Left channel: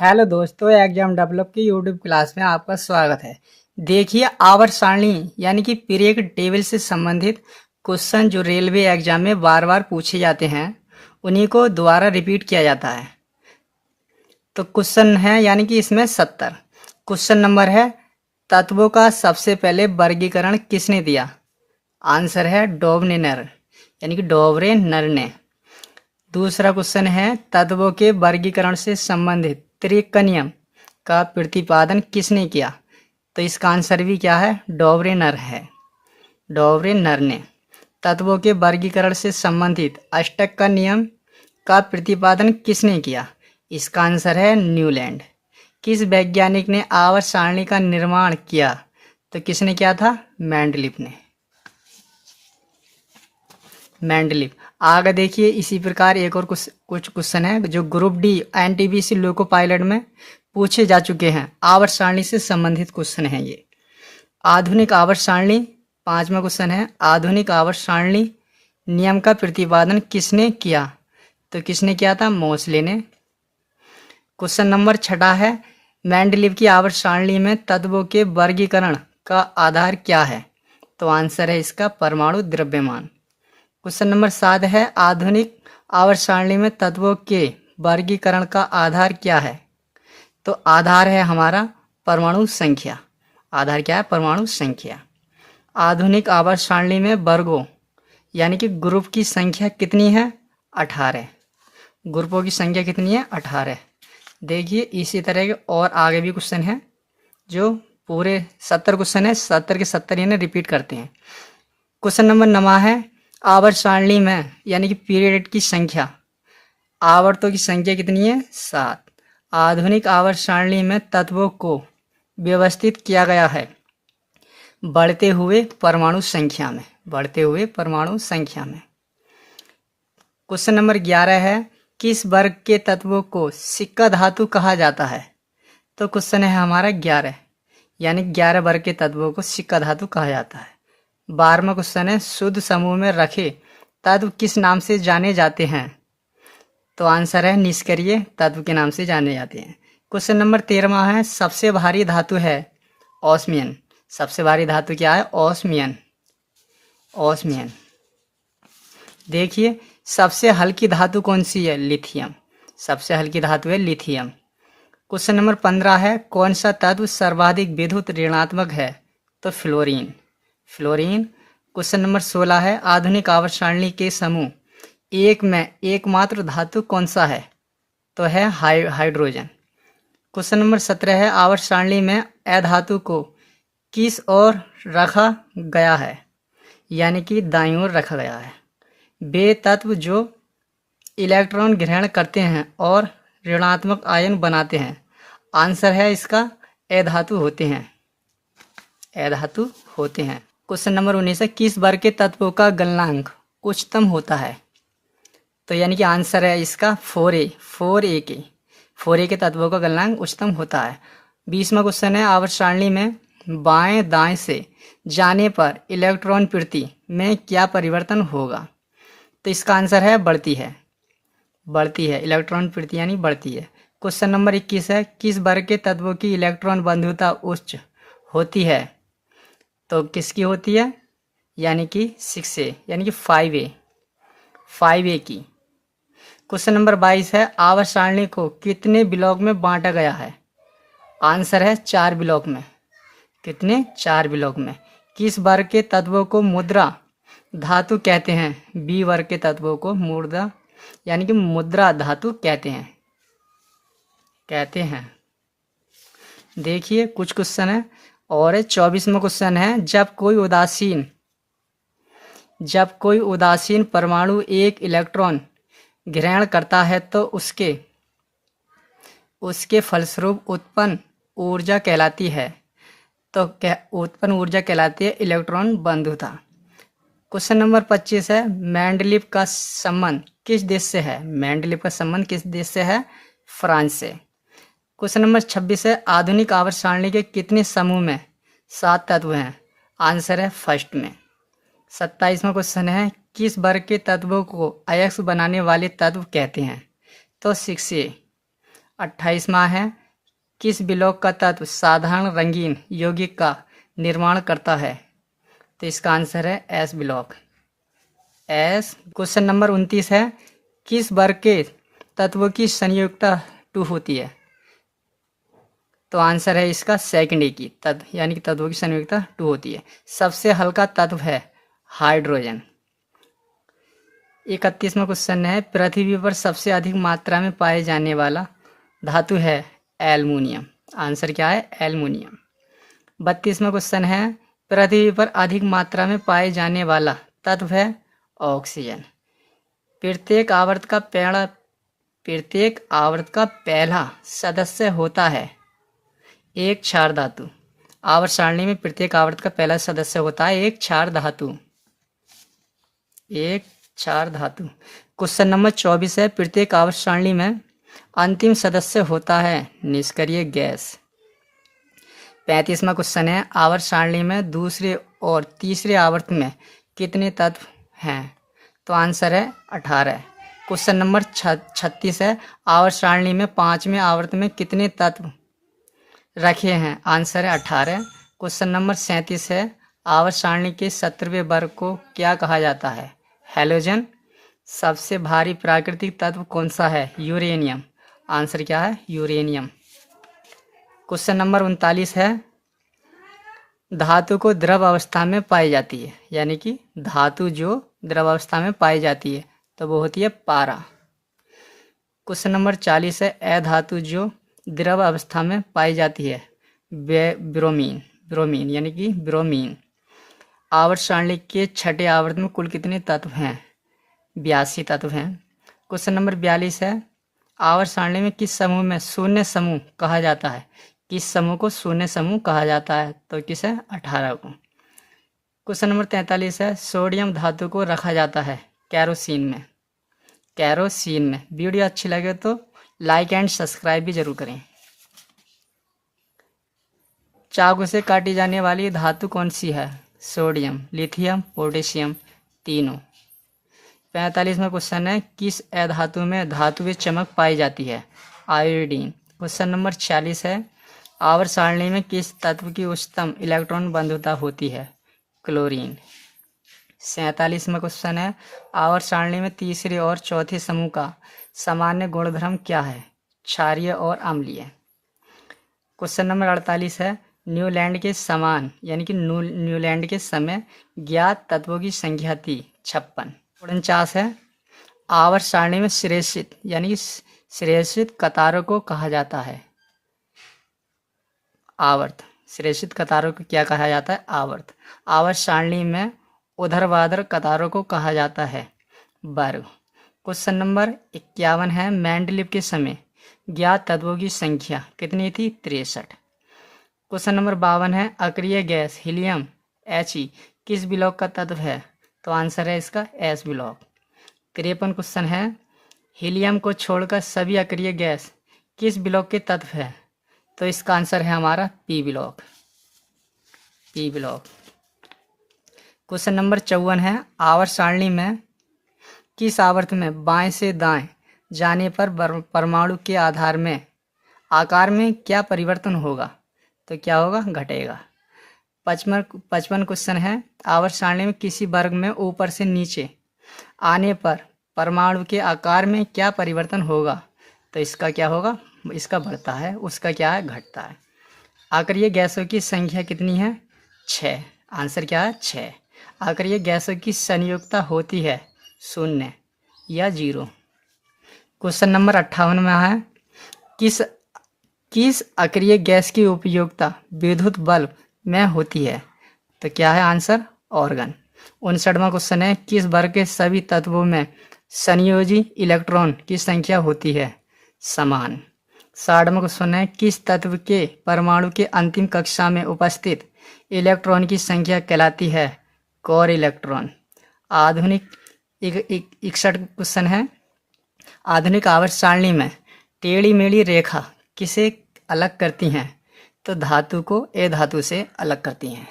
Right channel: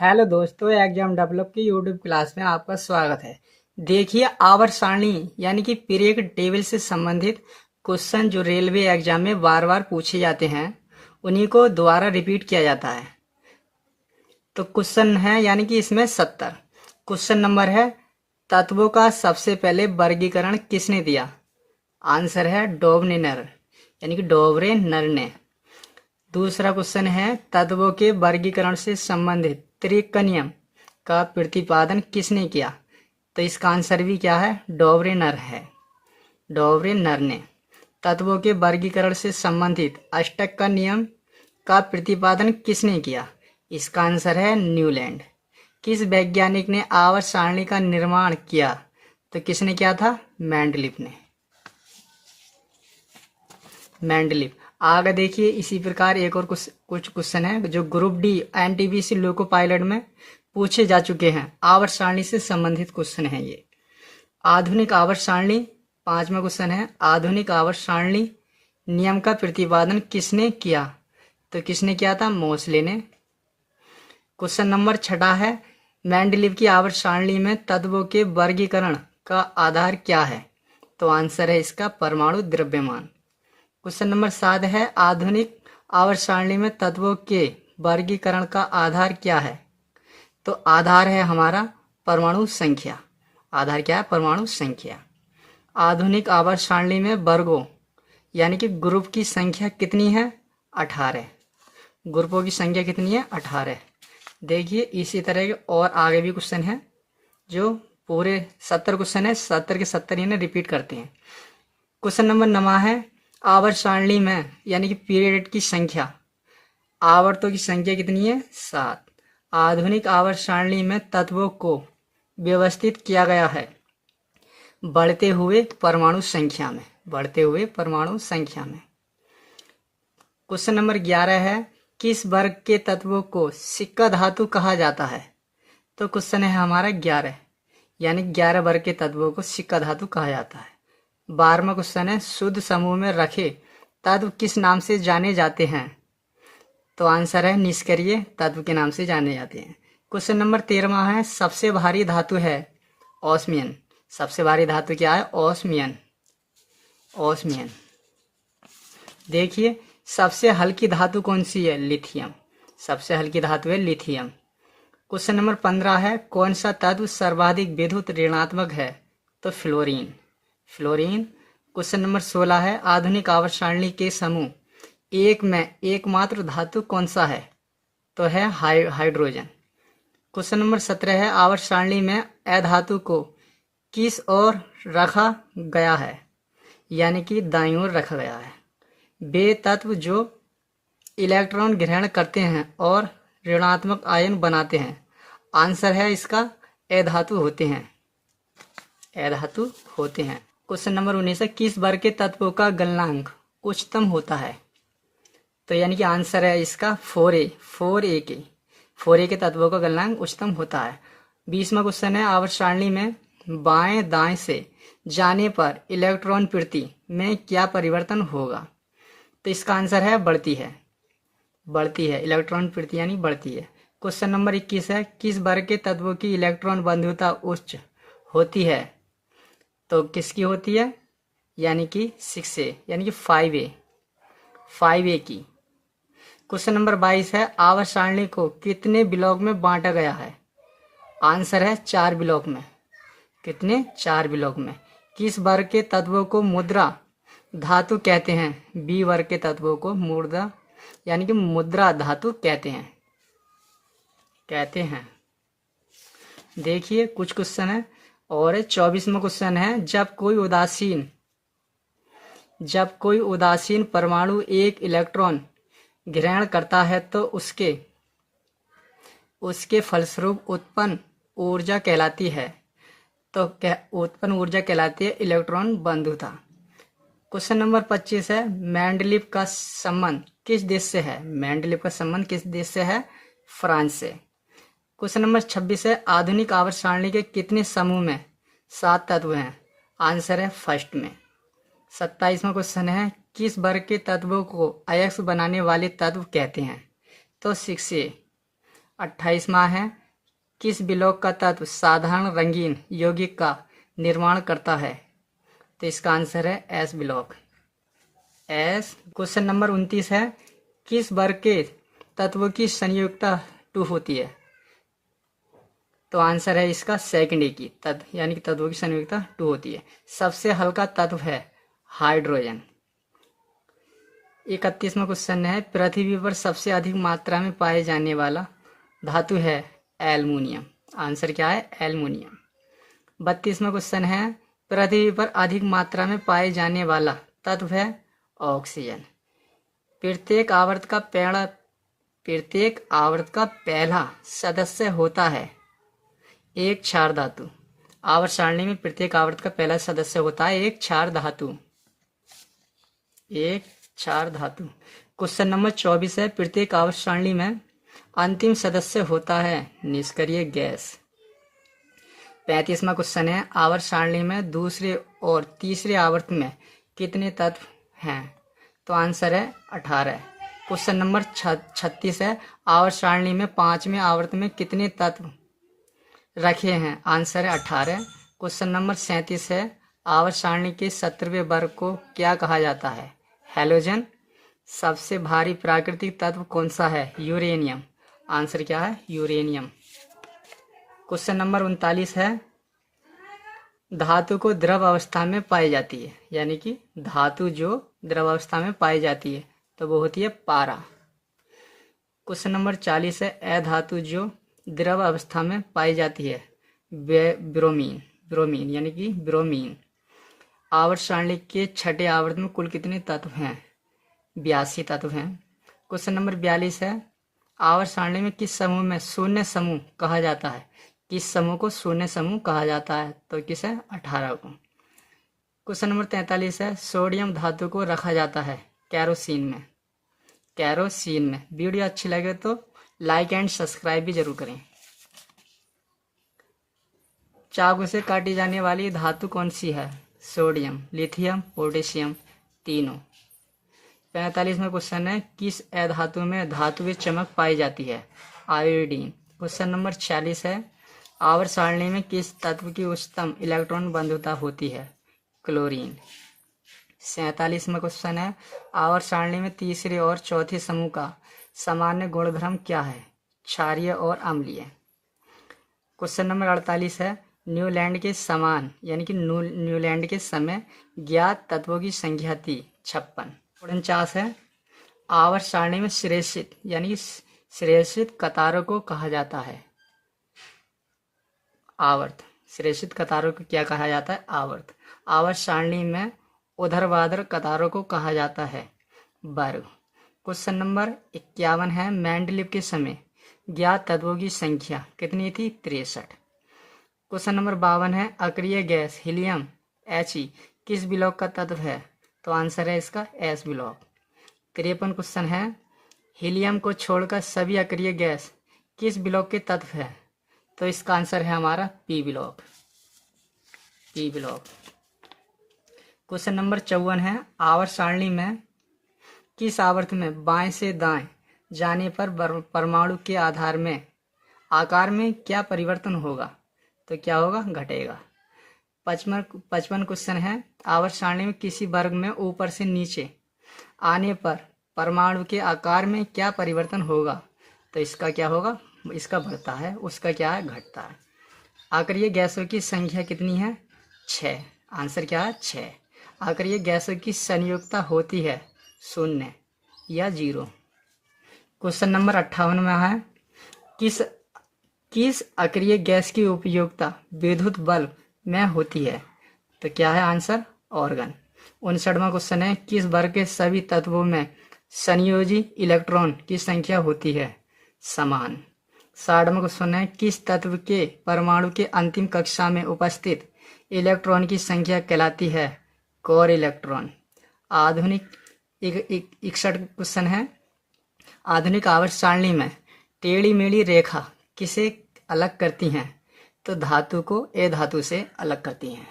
Hello दोस्तों, exam develop की YouTube class में आपका स्वागत है। देखिए, आवर्त सारणी यानी कि पीरियड टेबल से संबंधित क्वेश्चन जो रेलवे एग्जाम में बार बार पूछे जाते हैं उन्हीं को दोबारा रिपीट किया जाता है। तो क्वेश्चन है यानी कि इसमें 70 क्वेश्चन नंबर है। तत्वों का सबसे पहले वर्गीकरण किसने दिया? आंसर है डॉबनेर यानी कि डॉबरेनर ने। दूसरा क्वेश्चन है, तत्वों के वर्गीकरण से संबंधित त्रिक नियम का प्रतिपादन किसने किया? तो इसका आंसर भी क्या है? डॉबरेनर है, डॉबरेनर ने। तत्वों के वर्गीकरण से संबंधित अष्टक का नियम का प्रतिपादन किसने किया? इसका आंसर है न्यूलैंड। किस वैज्ञानिक ने आवर्त सारणी का निर्माण किया? तो किसने किया था? मेंडलीफ ने, मेंडलीफ। आगे देखिए, इसी प्रकार एक और कुछ क्वेश्चन है जो group D NTPC loco pilot में पूछे जा चुके हैं। आवर्त सारणी से संबंधित क्वेश्चन है ये। आधुनिक आवर्त सारणी, 5वां क्वेश्चन है, आधुनिक आवर्त सारणी नियम का प्रतिपादन किसने किया? तो किसने किया था? मोसले ने। क्वेश्चन नंबर 6 है, मेंडलीफ की आवर्त सारणी में तत्वों के वर्गीकरण का आधार क्या है? तो आंसर है इसका परमाणु द्रव्यमान। क्वेश्चन नंबर 7 है, आधुनिक आवर्त सारणी में तत्वों के वर्गीकरण का आधार क्या है? तो आधार है हमारा परमाणु संख्या। आधार क्या है? परमाणु संख्या। आधुनिक आवर्त सारणी में वर्गों यानी कि ग्रुप की संख्या कितनी है? 18। ग्रुपों की संख्या कितनी है? 18। देखिए, इसी तरह के और आगे भी क्वेश्चन है जो पूरे 70 क्वेश्चन है, 70 के 70 यानी रिपीट करते हैं। क्वेश्चन नंबर 9 है, आवर्त सारणी में यानी कि पीरियड की संख्या, आवर्तों की संख्या कितनी है? 7। आधुनिक आवर्त सारणी में तत्वों को व्यवस्थित किया गया है बढ़ते हुए परमाणु संख्या में, बढ़ते हुए परमाणु संख्या में। क्वेश्चन नंबर 11 है, किस वर्ग के तत्वों को सिक्का धातु कहा जाता है? तो क्वेश्चन है हमारा 11 यानी 11 वर्ग के तत्वों को सिक्का धातु कहा जाता है। 12वां क्वेश्चन है, शुद्ध समूह में रखे तत्व किस नाम से जाने जाते हैं? तो आंसर है निष्क्रिय तत्व के नाम से जाने जाते हैं। क्वेश्चन नंबर 13वां है, सबसे भारी धातु है ऑस्मियन। सबसे भारी धातु क्या है? ऑस्मियन, ऑस्मियन। देखिए, सबसे हल्की धातु कौन सी है? लिथियम। सबसे हल्की धातु है लिथियम। क्वेश्चन नंबर 15 है, कौन सा तत्व सर्वाधिक विद्युत ऋणात्मक है? तो फ्लोरीन, फ्लोरीन। क्वेश्चन नंबर 16 है, आधुनिक आवर्त सारणी के समूह एक में एकमात्र धातु कौन सा है? तो है हाइड्रोजन। क्वेश्चन नंबर 17 है, आवर्त सारणी में अधातु को किस ओर रखा गया है? यानी कि दाईं ओर रखा गया है। वे तत्व जो इलेक्ट्रॉन ग्रहण करते हैं और ऋणात्मक आयन बनाते हैं। आंसर है इसका अधातु होते हैं, अधातु होते हैं। क्वेश्चन नंबर 19 है, किस वर्ग के तत्वों का गलनांक उच्चतम होता है? तो यानी कि आंसर है इसका 4A, 4A के, 4A के तत्वों का गलनांक उच्चतम होता है। 20वां क्वेश्चन है, आवर्त सारणी में बाएं दाएं से जाने पर इलेक्ट्रॉन प्रति में क्या परिवर्तन होगा? तो इसका आंसर है बढ़ती है, बढ़ती है। इलेक्ट्रॉन प्रति यानी बढ़ती है। क्वेश्चन नंबर 21 है, किस वर्ग के तत्वों की इलेक्ट्रॉन बंधुता उच्च होती है? तो किसकी होती है? यानी कि 6A यानी कि 5A, 5A की। क्वेश्चन नंबर 22 है, आवर्त सारणी को कितने ब्लॉक में बांटा गया है? आंसर है 4 ब्लॉक में। कितने? 4 ब्लॉक में। किस वर्ग के तत्वों को मुद्रा धातु कहते हैं? बी वर्ग के तत्वों को मुद्रा यानी कि मुद्रा धातु कहते हैं, कहते हैं। देखिए, कुछ क्वेश्चन है और 24वां क्वेश्चन है, जब कोई उदासीन परमाणु एक इलेक्ट्रॉन ग्रहण करता है तो उसके फलस्वरूप उत्पन्न ऊर्जा कहलाती है। तो क्या उत्पन्न ऊर्जा कहलाती है? इलेक्ट्रॉन बंधुता। क्वेश्चन नंबर 25 है, मेंडलीफ का संबंध किस देश से है? मेंडलीफ का संबंध किस देश से है? फ्रांस से। क्वेश्चन नंबर 26 है, आधुनिक आवर्त सारणी के कितने समूह में 7 तत्व हैं? आंसर है फर्स्ट में। 27वां क्वेश्चन है, किस वर्ग के तत्वों को अयस्क बनाने वाले तत्व कहते हैं? तो 6A। 28वां है, किस ब्लॉक का तत्व साधारण रंगीन यौगिक का निर्माण करता है? तो इसका आंसर है S block, S. Question number 29 है, किस वर्ग के तत्वों की संयोगिता 2 होती है? तो आंसर है इसका सेकंड की तत्व, यानी कि तत्वों की संयोगिता 2 होती है। सबसे हल्का तत्व है हाइड्रोजन। 31वां क्वेश्चन है, पृथ्वी पर सबसे अधिक मात्रा में पाए जाने वाला धातु है एल्युमिनियम। आंसर क्या है? एल्युमिनियम। 32वां क्वेश्चन है, पृथ्वी पर अधिक मात्रा में पाए जाने वाला तत्व है ऑक्सीजन। प्रत्येक आवर्त का पहला सदस्य होता है एक क्षार धातु। आवर्त सारणी में प्रत्येक आवर्त का पहला सदस्य होता है एक क्षार धातु, एक क्षार धातु। क्वेश्चन नंबर 24 है, प्रत्येक आवर्त सारणी में अंतिम सदस्य होता है निष्क्रिय गैस। 35वां क्वेश्चन है, आवर्त सारणी में दूसरे और तीसरे आवर्त में कितने तत्व हैं? तो आंसर है 18। क्वेश्चन नंबर 36 है, आवर्त सारणी में 5वें आवर्त में कितने तत्व रखे हैं? आंसर है 18। क्वेश्चन नंबर 37 है, आवर्त सारणी के 17वें वर्ग को क्या कहा जाता है? हैलोजन। सबसे भारी प्राकृतिक तत्व कौन सा है? यूरेनियम। आंसर क्या है? यूरेनियम। क्वेश्चन नंबर 39 है, धातु को द्रव अवस्था में पाई जाती है, यानी कि धातु जो द्रव अवस्था में पाई जाती है तो वो होती है पारा। क्वेश्चन नंबर 40 है, अधातु जो द्रव अवस्था में पाई जाती है ब्रोमीन, ब्रोमीन यानी कि ब्रोमीन। आवर्त सारणी के छठे आवर्त में कुल कितने तत्व हैं? 82 तत्व हैं। क्वेश्चन नंबर 42 है, आवर्त सारणी में किस समूह में शून्य समूह कहा जाता है? किस समूह को शून्य समूह कहा जाता है? तो किस है? 18 को। क्वेश्चन नंबर 43 है, सोडियम धातु को रखा जाता है केरोसिन में, केरोसिन में। वीडियो अच्छी लगे तो लाइक एंड सब्सक्राइब भी जरूर करें। चाकू से काटी जाने वाली धातु कौन सी है? सोडियम, लिथियम, पोटेशियम, तीनों। 45वां क्वेश्चन है, किस अधातु में धातुवीय चमक पाई जाती है? आयोडीन। क्वेश्चन नंबर 46 है, आवर्त सारणी में किस तत्व की उच्चतम इलेक्ट्रॉन बंधुता होती है? क्लोरीन। 47वां क्वेश्चन है, आवर्त सारणी में तीसरे और चौथे समूह का सामान्य गुणधर्म क्या है? क्षारीय और अम्लीय। क्वेश्चन नंबर 48 है, न्यूलैंड के समान यानी कि न्यूलैंड के समय ज्ञात तत्वों की संख्या थी 56। 49 है, आवर्त सारणी में श्रेषित यानी कि श्रेषित कतारों को कहा जाता है? आवर्त। श्रेषित कतारों को क्या कहा जाता है? आवर्त। आवर्त सारणी में ऊर्ध्वाधर कतारों को कहा जाता है वर्ग। क्वेश्चन नंबर 51 है, मेंडलीव के समय ज्ञात तत्वों की संख्या कितनी थी? 63। क्वेश्चन नंबर 52 है, अक्रिय गैस हीलियम He किस ब्लॉक का तत्व है? तो आंसर है इसका एस ब्लॉक। 53 क्वेश्चन है, हीलियम को छोड़कर सभी अक्रिय गैस किस ब्लॉक के तत्व है? तो इसका आंसर है हमारा P block, P block. Question number 54 है, आवर्त सारणी में किस आवर्त में बाएं से दाएं जाने पर परमाणु के आधार में आकार में क्या परिवर्तन होगा? तो क्या होगा? घटेगा। 55 क्वेश्चन है, आवर्त सारणी में किसी वर्ग में ऊपर से नीचे आने पर परमाणु के आकार में क्या परिवर्तन होगा? तो इसका क्या होगा? इसका बढ़ता है, उसका क्या है? घटता है। अक्रिय गैसों की संख्या कितनी है? 6। आंसर क्या है? 6। अक्रिय गैसों की संयोगिता होती है 0 या 0। क्वेश्चन नंबर 58 में है, किस अक्रिय गैस की उपयोगिता विद्युत बल्ब में होती है? तो क्या है आंसर? ऑर्गन। 59वां क्वेश्चन है, किस वर्ग के सभी तत्वों में संयोजी इलेक्ट्रॉन की संख्या होती है? समान। 60वां क्वेश्चन है, किस तत्व के परमाणु के अंतिम कक्षा में उपस्थित इलेक्ट्रॉन की संख्या कहलाती है? Core electron. आधुनिक 61 क्वेश्चन है, आधुनिक आवर्त सारणी में टेढ़ी मेढ़ी रेखा किसे अलग करती हैं? तो धातु को अधातु से अलग करती हैं।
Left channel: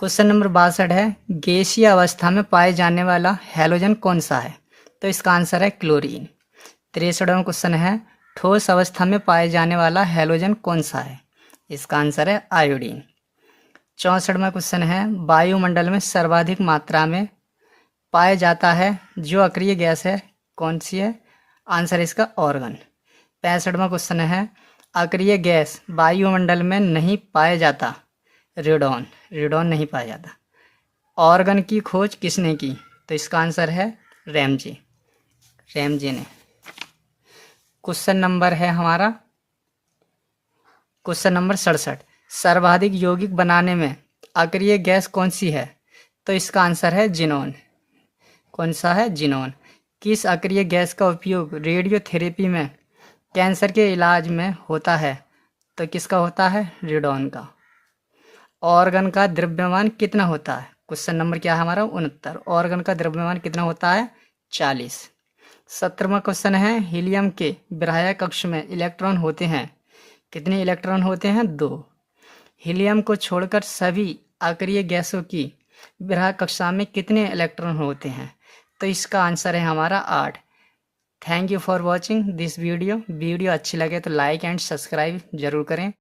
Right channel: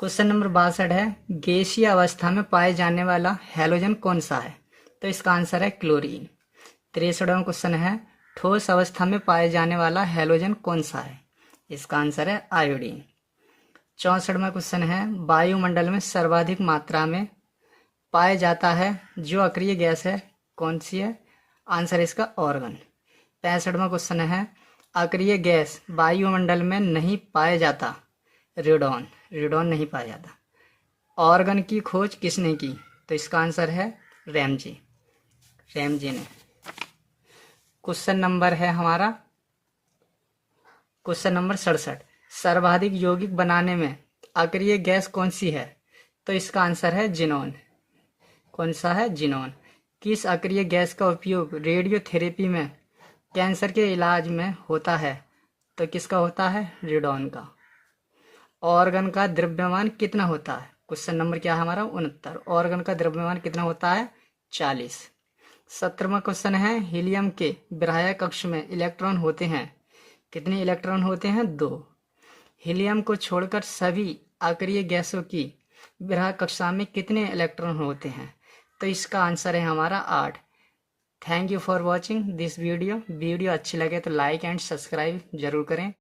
क्वेश्चन नंबर 62 है, गैसीय अवस्था में पाए जाने वाला हैलोजन कौन सा है? तो इसका आंसर है क्लोरीन। 63वां क्वेश्चन है, ठोस अवस्था में पाए जाने वाला हैलोजन कौन सा है? इसका आंसर है आयोडीन। 64वां क्वेश्चन है, वायुमंडल में सर्वाधिक मात्रा में पाया जाता है जो अक्रिय गैस है, कौन सी है? आंसर है इसका ऑर्गन। 65वां क्वेश्चन है, अक्रिय गैस वायुमंडल में नहीं पाया जाता, रेडॉन, रेडॉन नहीं पाया जाता। ऑर्गन की खोज किसने की? तो इसका आंसर है रैमजे, रैमजे ने। क्वेश्चन नंबर है हमारा क्वेश्चन नंबर 67, सर्वाधिक यौगिक बनाने में अक्रिय गैस कौन सी है? तो इसका आंसर है जिनोन। कौन सा है? जिनोन। किस अक्रिय गैस का उपयोग रेडियोथेरेपी में कैंसर के इलाज में होता है? तो किसका होता है? रेडॉन का। ऑर्गन का द्रव्यमान कितना होता है? क्वेश्चन नंबर क्या है हमारा? 69। ऑर्गन का द्रव्यमान कितना होता है? 40। 17वां क्वेश्चन है, हीलियम के बाह्य कक्ष में इलेक्ट्रॉन होते हैं, कितने इलेक्ट्रॉन होते हैं? 2। हीलियम को छोड़कर सभी अक्रिय गैसों की बाह्य कक्षा में कितने इलेक्ट्रॉन होते हैं? तो इसका आंसर है हमारा 8। Thank you for watching this video. Video अच्छी लगे तो लाइक एंड सब्सक्राइब जरूर करें।